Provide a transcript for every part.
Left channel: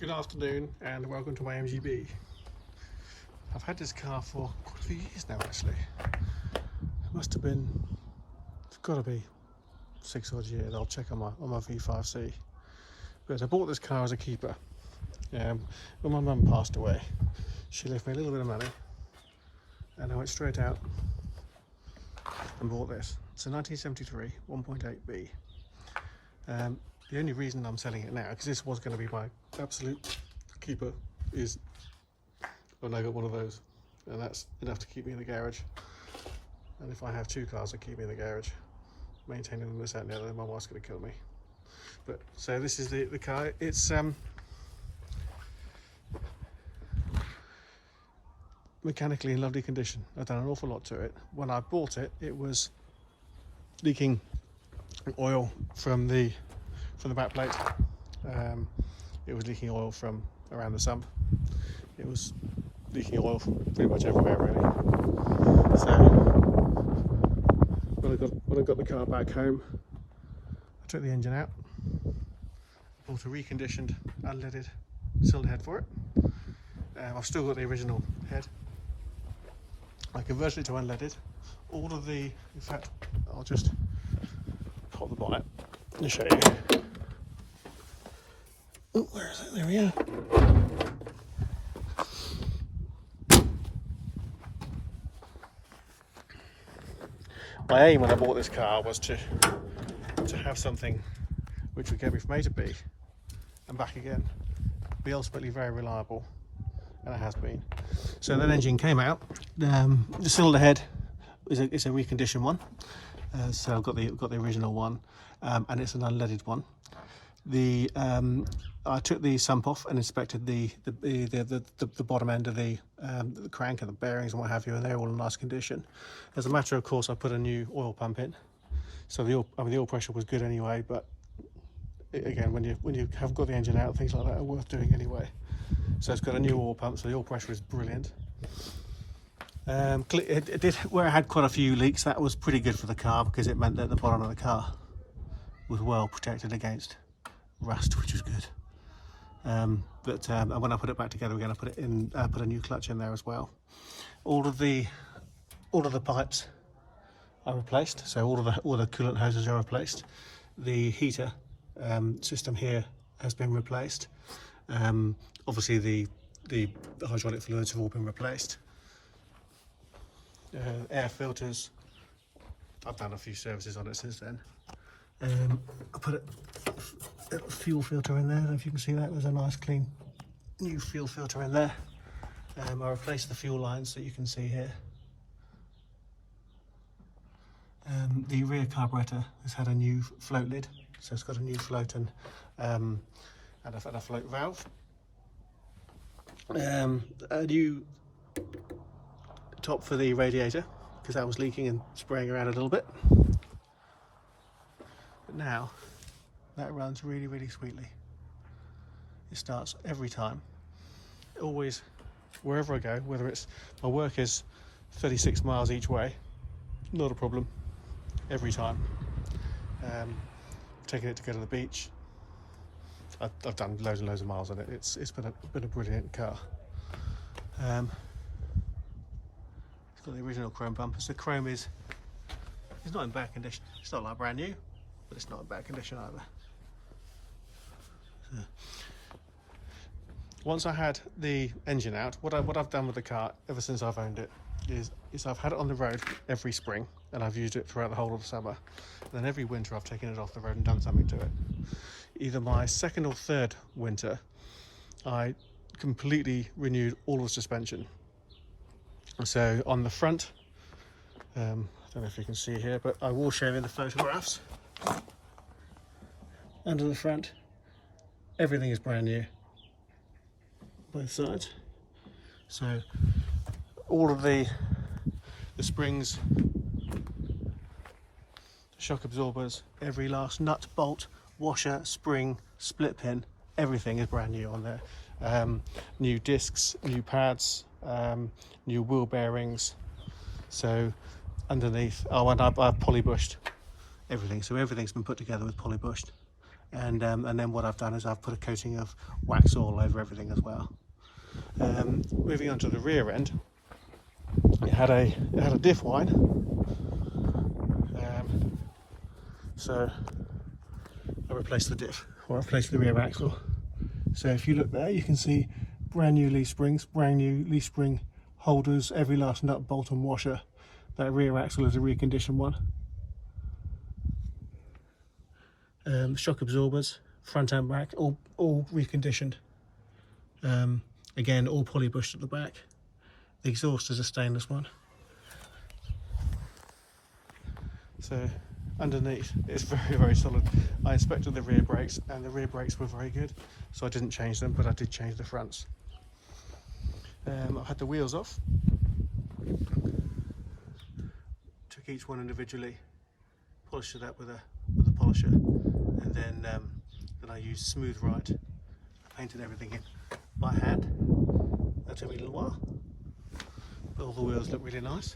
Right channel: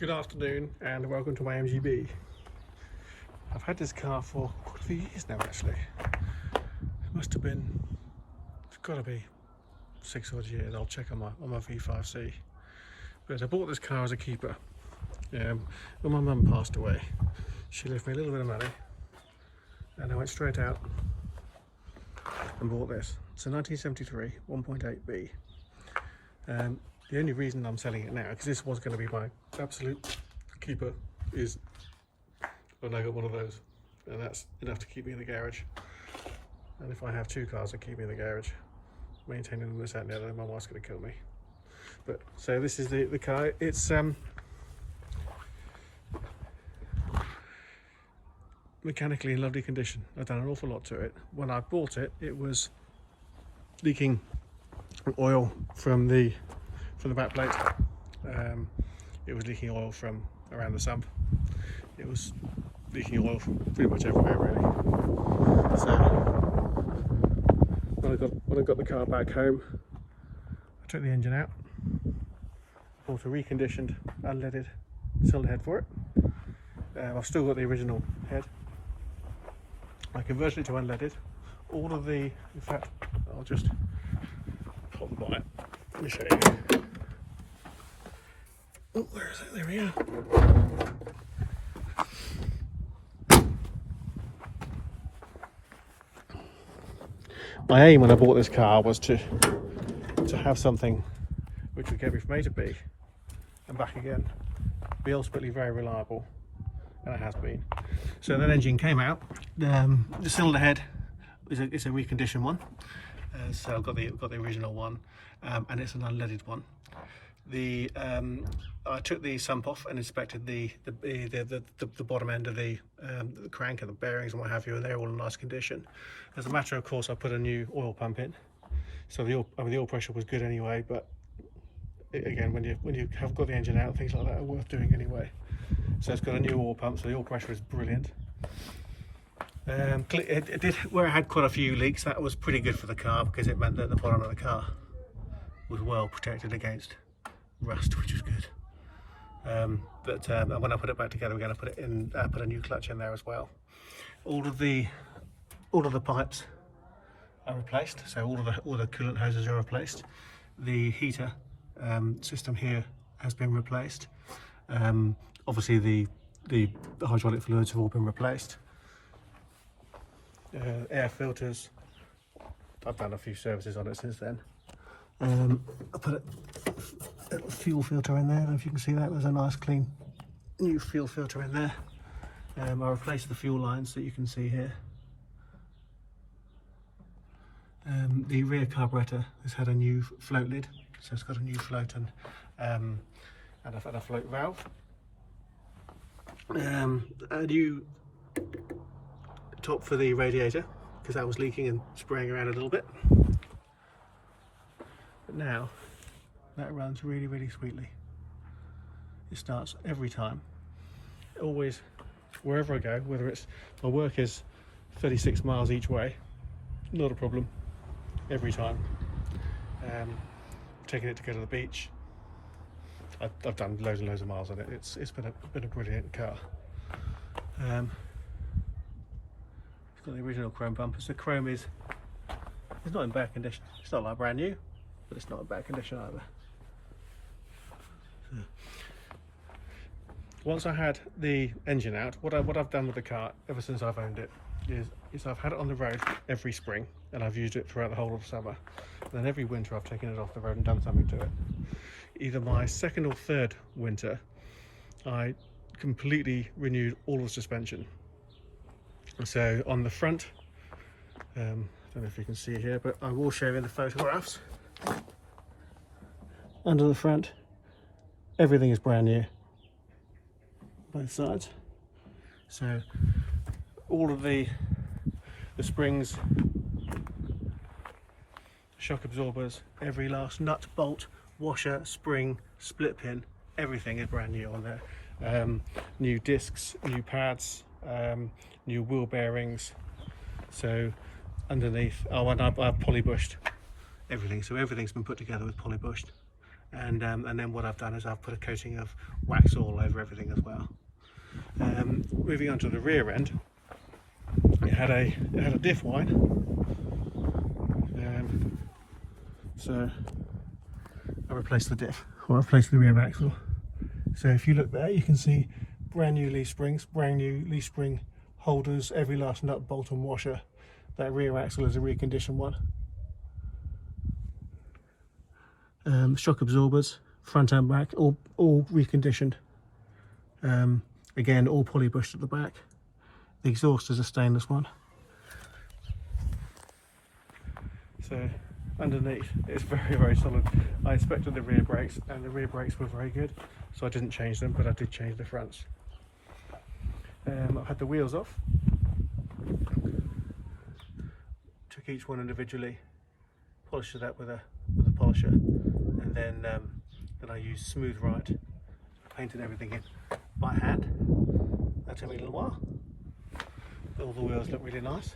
Good afternoon and welcome to my MGB. I've had this car for quite a few years now actually. It must have been, it's got to be 6 odd years. I'll check on my V5C. But I bought this car as a keeper. When my mum passed away, she left me a little bit of money and I went straight out and bought this. It's a 1973 1.8B. The only reason I'm selling it now, because this was going to be my absolute keeper, is when I got one of those, and that's enough to keep me in the garage. And if I have two cars that keep me in the garage, maintaining them this out and the other, my wife's going to kill me. But so this is the car. It's mechanically in lovely condition. I've done an awful lot to it. When I bought it, it was leaking oil from the back plate. It was leaking oil from around the sump. It was leaking oil from pretty much everywhere really. So when I got the car back home, I took the engine out, bought a reconditioned unleaded cylinder head for it. I've still got the original head. I converted it to unleaded. All of the, in fact, I'll just pop the bonnet and show you. Oh, where is it? There we are. My aim when I bought this car was to have something which would get me from A to B and back again, be ultimately very reliable, and it has been. So that engine came out. The cylinder head is a reconditioned one. So I've got the original one, and it's an unleaded one. I took the sump off and inspected the bottom end of the crank and the bearings and what have you, and they're all in nice condition. As a matter of course, I put a new oil pump in, so the oil pressure was good anyway. But again, when you have got the engine out, things like that are worth doing anyway. So it's got a new oil pump, so the oil pressure is brilliant. It did, where I had quite a few leaks, that was pretty good for the car because it meant that the bottom of the car was well protected against rust, which was good. And when I put it back together again, I put a new clutch in there as well. All of the pipes are replaced, so all the coolant hoses are replaced. The heater system here has been replaced. Obviously the hydraulic fluids have all been replaced. Air filters, I've done a few services on it since then. I put a fuel filter in there. I don't know if you can see that. There's a nice clean new fuel filter in there. I replaced the fuel lines that you can see here. The rear carburetor has had a new float lid, so it's got a new float and a float valve. A new top for the radiator because that was leaking and spraying around a little bit. But now that runs really, really sweetly. It starts every time. Always, wherever I go, whether it's my work is 36 miles each way, not a problem. Every time. Taking it to go to the beach. I've done loads and loads of miles on it. It's been a brilliant car. It's got the original chrome bumpers. The chrome is not in bad condition. It's not like brand new, but it's not in bad condition either. So, once I had the engine out, what I've done with the car ever since I've owned it is I've had it on the road every spring, and I've used it throughout the whole of the summer. And then every winter I've taken it off the road and done something to it. Either my second or third winter, I completely renewed all of the suspension. So on the front, I don't know if you can see here, but I will show you in the photographs. Under the front, everything is brand new, both sides. So all of the springs, shock absorbers, every last nut, bolt, washer, spring, split pin, everything is brand new on there. New discs, new pads, new wheel bearings. So underneath, and I've polybushed everything. So everything's been put together with polybushed. and then what I've done is I've put a coating of wax all over everything as well. Moving on to the rear end, it had a diff wine, so I replaced the diff, or replaced the rear axle. So if you look there, you can see brand new leaf springs, brand new leaf spring holders, every last nut, bolt and washer. That rear axle is a reconditioned one. Shock absorbers, front and back, all reconditioned. Again, all poly bushed at the back. The exhaust is a stainless one. So underneath it's very, very solid. I inspected the rear brakes and the rear brakes were very good, so I didn't change them, but I did change the fronts. I've had the wheels off, took each one individually, polished it up with a polisher, and then I used Smooth Right. I painted everything in by hand. That took me a little while. All the wheels look really nice,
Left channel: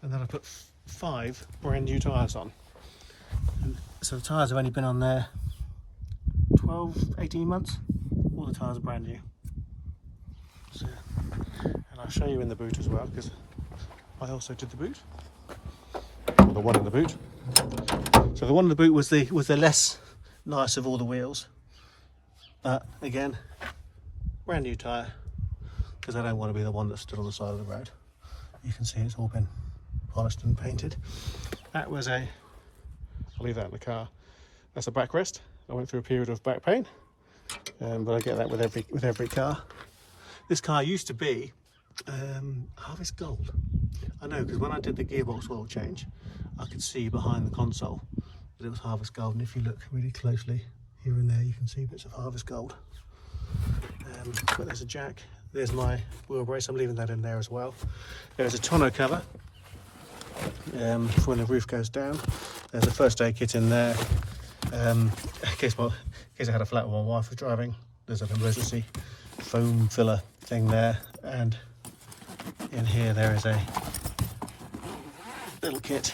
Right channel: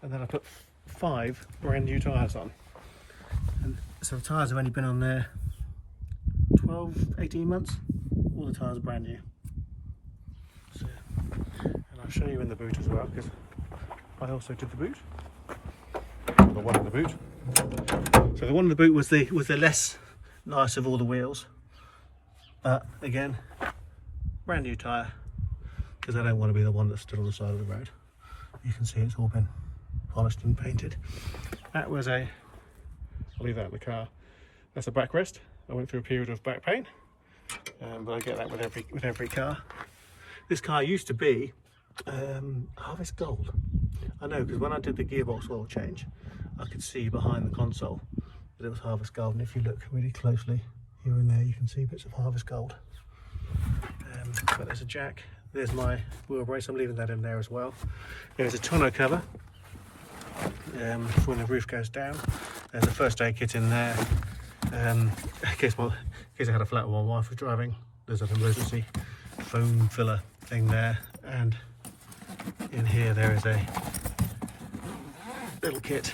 and then I put 5 brand new tyres on. And so the tyres have only been on there 12-18 months. All the tyres are brand new. So, and I'll show you in the boot as well, because I also did the boot. The one in the boot. So the one in the boot was the less nice of all the wheels. But again, brand new tyre, because I don't want to be the one that stood on the side of the road. You can see it's all been polished and painted. That was I'll leave that in the car. That's a backrest. I went through a period of back pain, but I get that with every car. This car used to be Harvest Gold. I know, because when I did the gearbox oil change, I could see behind the console that it was Harvest Gold, and if you look really closely here and there, you can see bits of Harvest Gold. But there's a jack. There's my wheel brace. I'm leaving that in there as well. There's a tonneau cover for when the roof goes down. There's a first aid kit in there. In case I had a flat while my wife was driving. There's an emergency foam filler thing there, and in here there is a little kit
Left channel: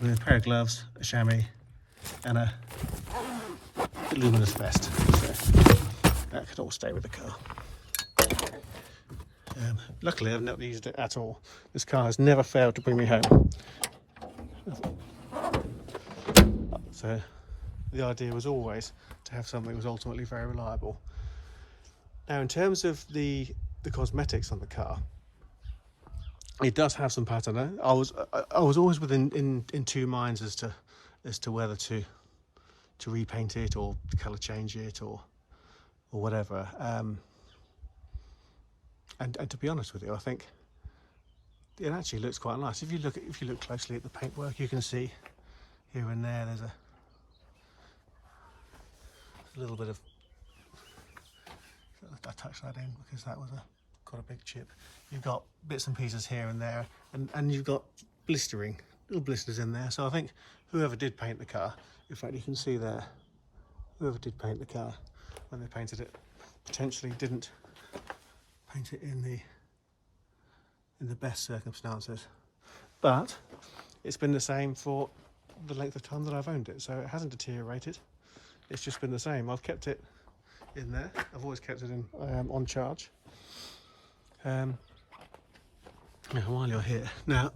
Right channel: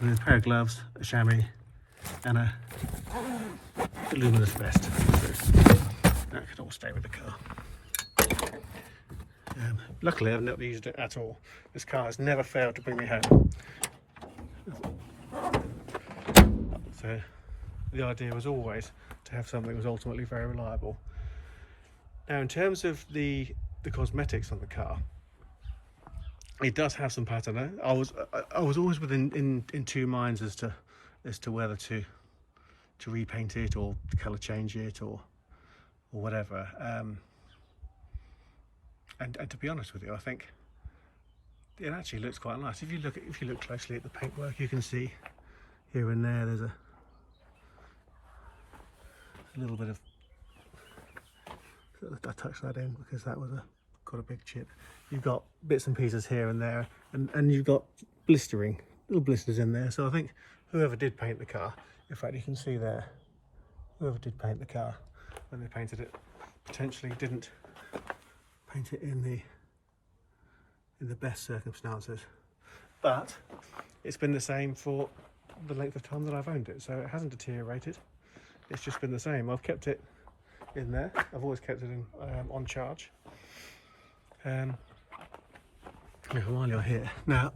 with a pair of gloves, a chamois, and a luminous vest. So that could all stay with the car. Luckily I've not used it at all. This car has never failed to bring me home. So the idea was always to have something that was ultimately very reliable. Now in terms of the cosmetics on the car, it does have some patina. I was always in 2 minds as to whether to repaint it or to colour change it or whatever. And to be honest with you, I think it actually looks quite nice. If you look closely at the paintwork, you can see here and there there's a little bit of. I touched that in because that was quite a big chip. You've got bits and pieces here and there, and you've got little blisters in there. So I think whoever did paint the car, in fact you can see there, whoever did paint the car when they painted it, potentially didn't paint it in the best circumstances. But it's been the same for the length of time that I've owned it, so it hasn't deteriorated. It's just been the same. I've kept it in there. I've always kept it in on charge. Now, while you're here, now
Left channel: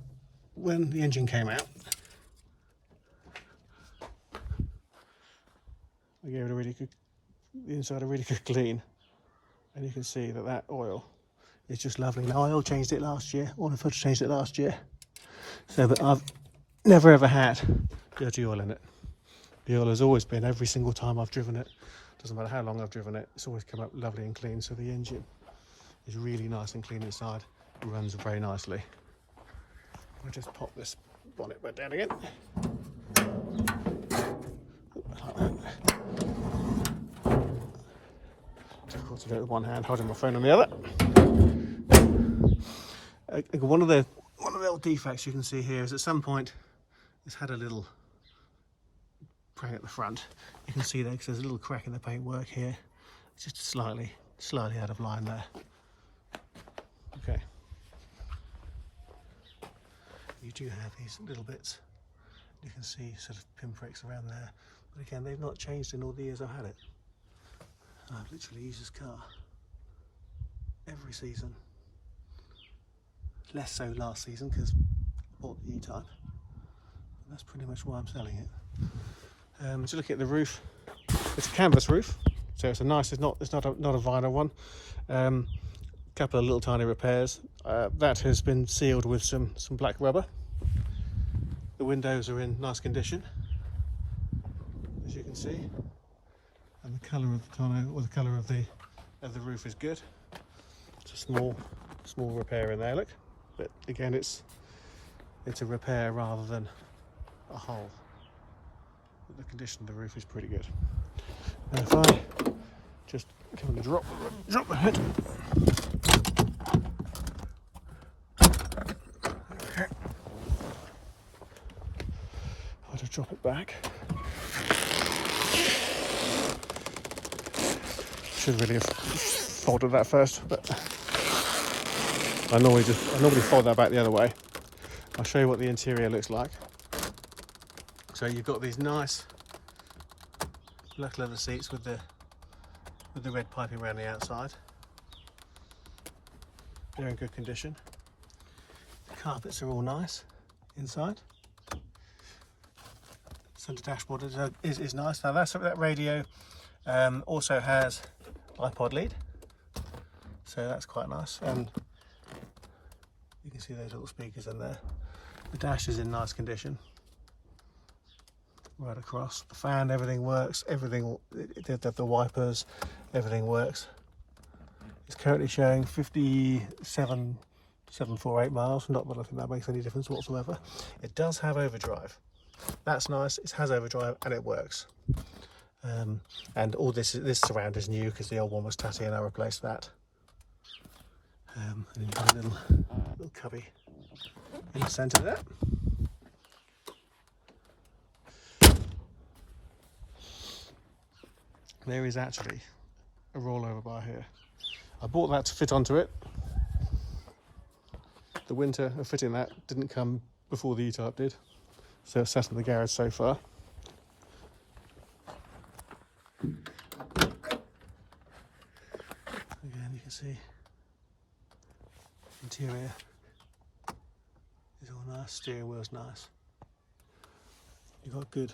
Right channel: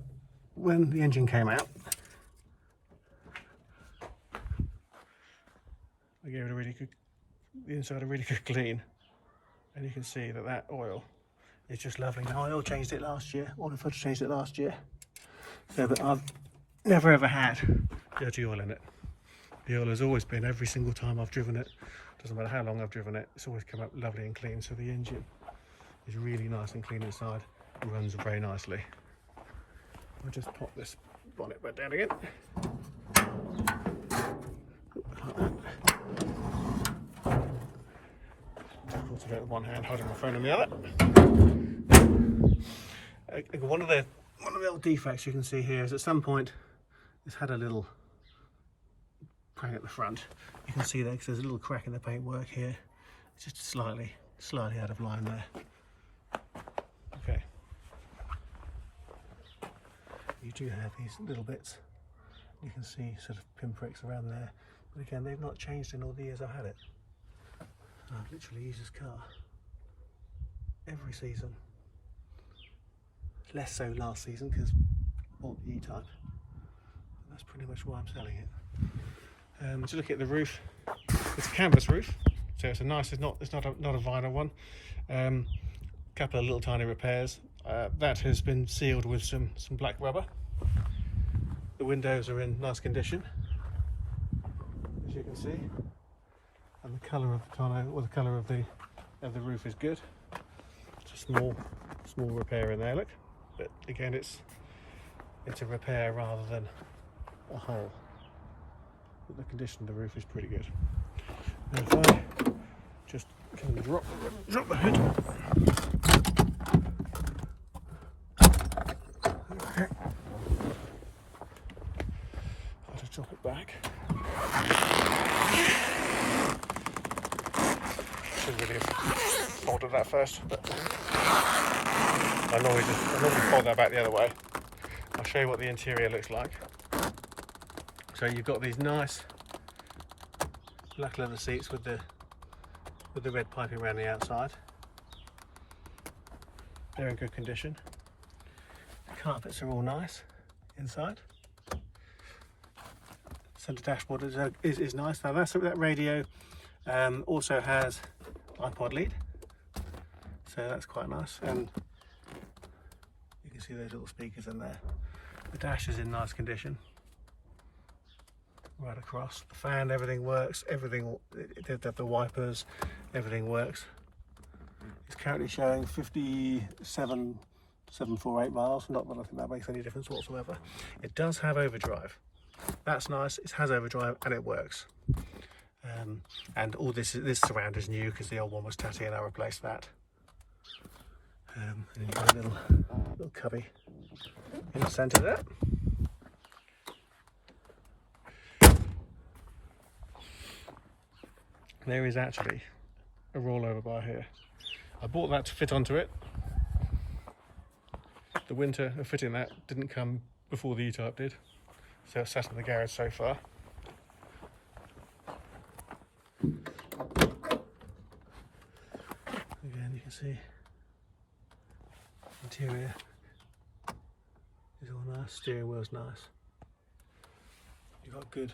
when the engine came out, I gave it the inside a really good clean, and you can see that oil is just lovely. Now I oil changed it last year, or the filter changed it last year, so that I've never ever had dirty oil in it. The oil has always been, every single time I've driven it, doesn't matter how long I've driven it, it's always come up lovely and clean. So the engine is really nice and clean inside, and runs very nicely. I'll just pop this bonnet back down again. Like that. Difficult to do it with one hand, holding my phone on the other. One of the little defects you can see here is at some point it's had a little crack at the front. You can see there because there's a little crack in the paintwork here. It's just slightly out of line there. Okay. You do have these little bits. You can see sort of pinpricks around there, But again, they've not changed in all the years I've had it. I've literally used this car every season. Less so last season because I bought the E Type. That's pretty much why I'm selling it. So look at the roof. It's a canvas roof, so it's a nice. It's not a vinyl one. Couple of little tiny repairs. That has been sealed with some black rubber. The windows are in nice condition, as you can see, and the colour of the tonneau, or the colour of the roof, is good. It's a small repair in there, look, but again, it's a repair rather than a hole. But the condition of the roof is pretty good. Now if I just kind of drop the hood. Okay. I'll just drop it back. Should really have folded that first, but I normally fold that back the other way. I'll show you what the interior looks like. So you've got these nice black leather seats with the red piping around the outside. They're in good condition. The carpets are all nice inside. Centre dashboard is nice. Now that radio also has iPod lead, so that's quite nice. And you can see those little speakers in there. The dash is in nice condition. Right across, the fan, everything works. Everything, the wipers, everything works. It's currently showing 57,748 miles. Not that I think that makes any difference whatsoever. It does have overdrive. That's nice. It has overdrive and it works. And all this surround is new because the old one was tatty and I replaced that. And then you've got a little cubby in the centre there. There is actually a rollover bar here. I bought that to fit onto it. The winter of fitting that didn't come before the E Type did, so it's sat in the garage so far. Again, you can see interior is all nice. Steering wheel's nice. You've got good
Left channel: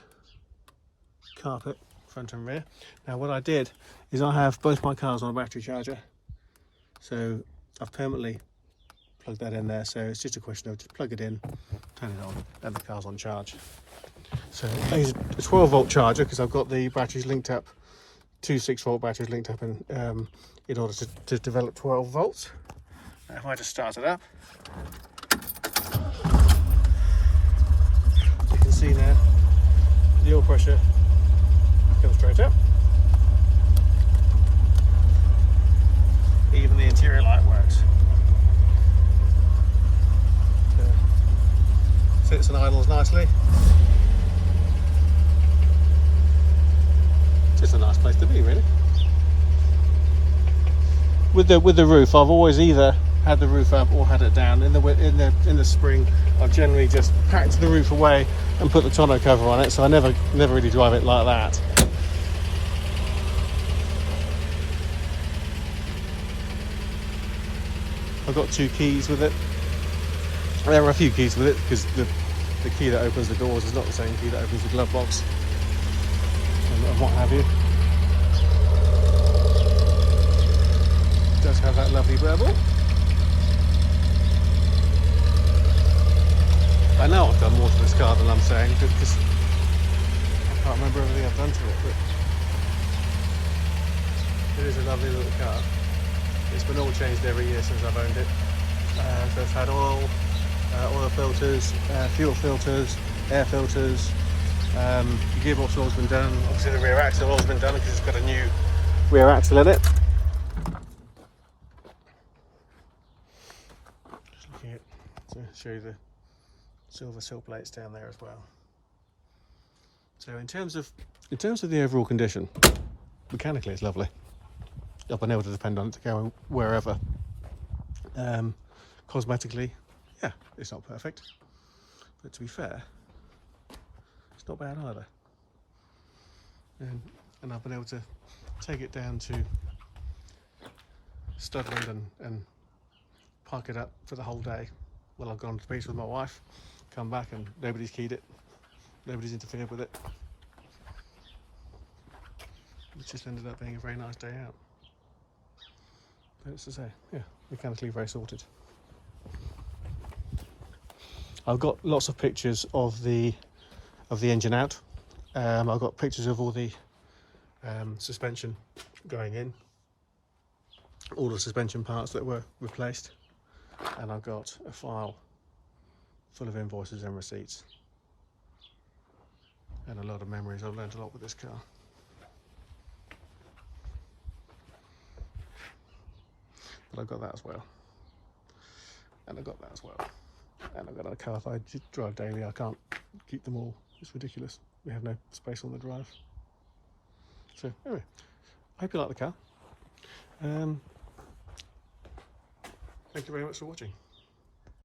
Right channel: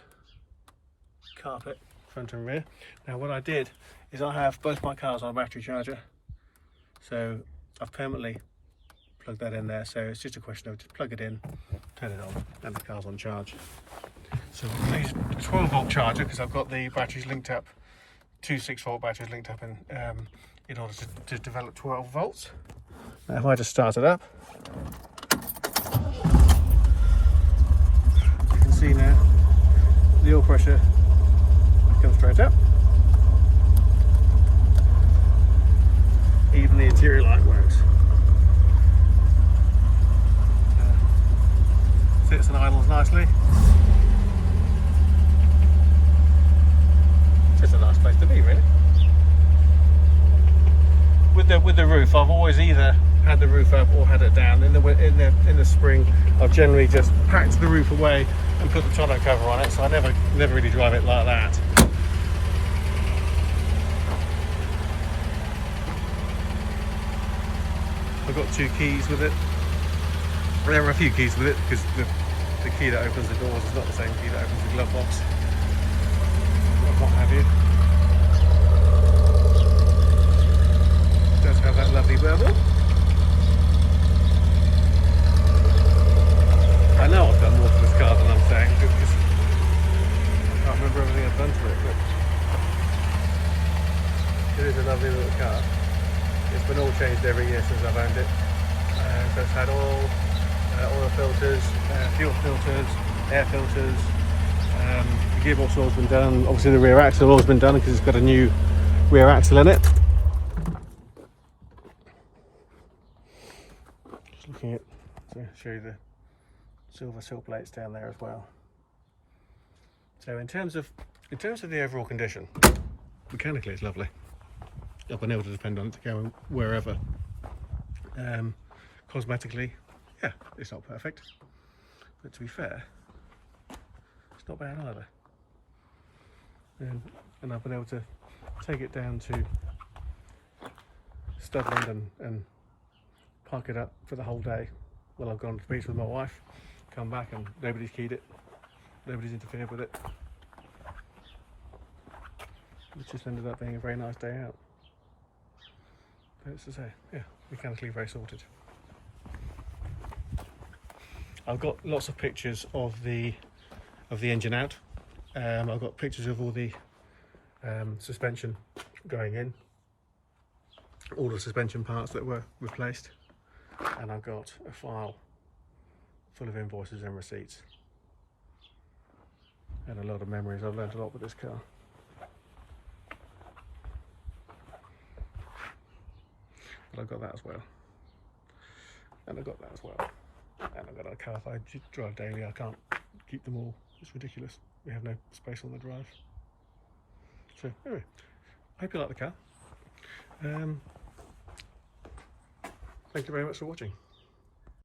carpet front and rear. Now what I did is I have both my cars on a battery charger, so I've permanently plugged that in there, so it's just a question of just plug it in, turn it on, and the car's on charge. So I use a 12 volt charger because I've got the batteries linked up, two 6-volt batteries linked up in order to develop 12 volts. Now if I just start it up, you can see now the oil pressure comes straight up. Even the interior light works. Sits and idles nicely. Just a nice place to be, really. With the roof, I've always either had the roof up or had it down. In the spring, I've generally just packed the roof away and put the tonneau cover on it, so I never really drive it like that. I've got 2 keys with it. There are a few keys with it because the key that opens the doors is not the same key that opens the glove box, and what have you. It does have that lovely burble. I know I've done more to this car than I'm saying because I can't remember everything I've done to it, but it is a lovely little car. It's been all changed every year since I've owned it. So it's had oil filters, fuel filters, air filters. The gearbox oil's been done. Obviously the rear axle oil's been done because it's got a new rear axle in it. Just looking at to show you the silver sill plates down there as well. So in terms of the overall condition, mechanically it's lovely. I've been able to depend on it to go wherever. Cosmetically, yeah, it's not perfect, but to be fair, it's not bad either. and I've been able to take it down to Studland and park it up for the whole day while I've gone to the beach with my wife, come back and nobody's keyed it, nobody's interfered with it. It just ended up being a very nice day out. But as I say, yeah, mechanically very sorted. I've got lots of pictures of the engine out. I've got pictures of all the suspension going in, all the suspension parts that were replaced, and I've got a file full of invoices and receipts and a lot of memories. I've learned a lot with this car. But I've got that as well, and I've got that as well, and I've got a car I drive daily. I can't keep them all, it's ridiculous. We have no space on the drive. So anyway, I hope you like the car. Thank you very much for watching.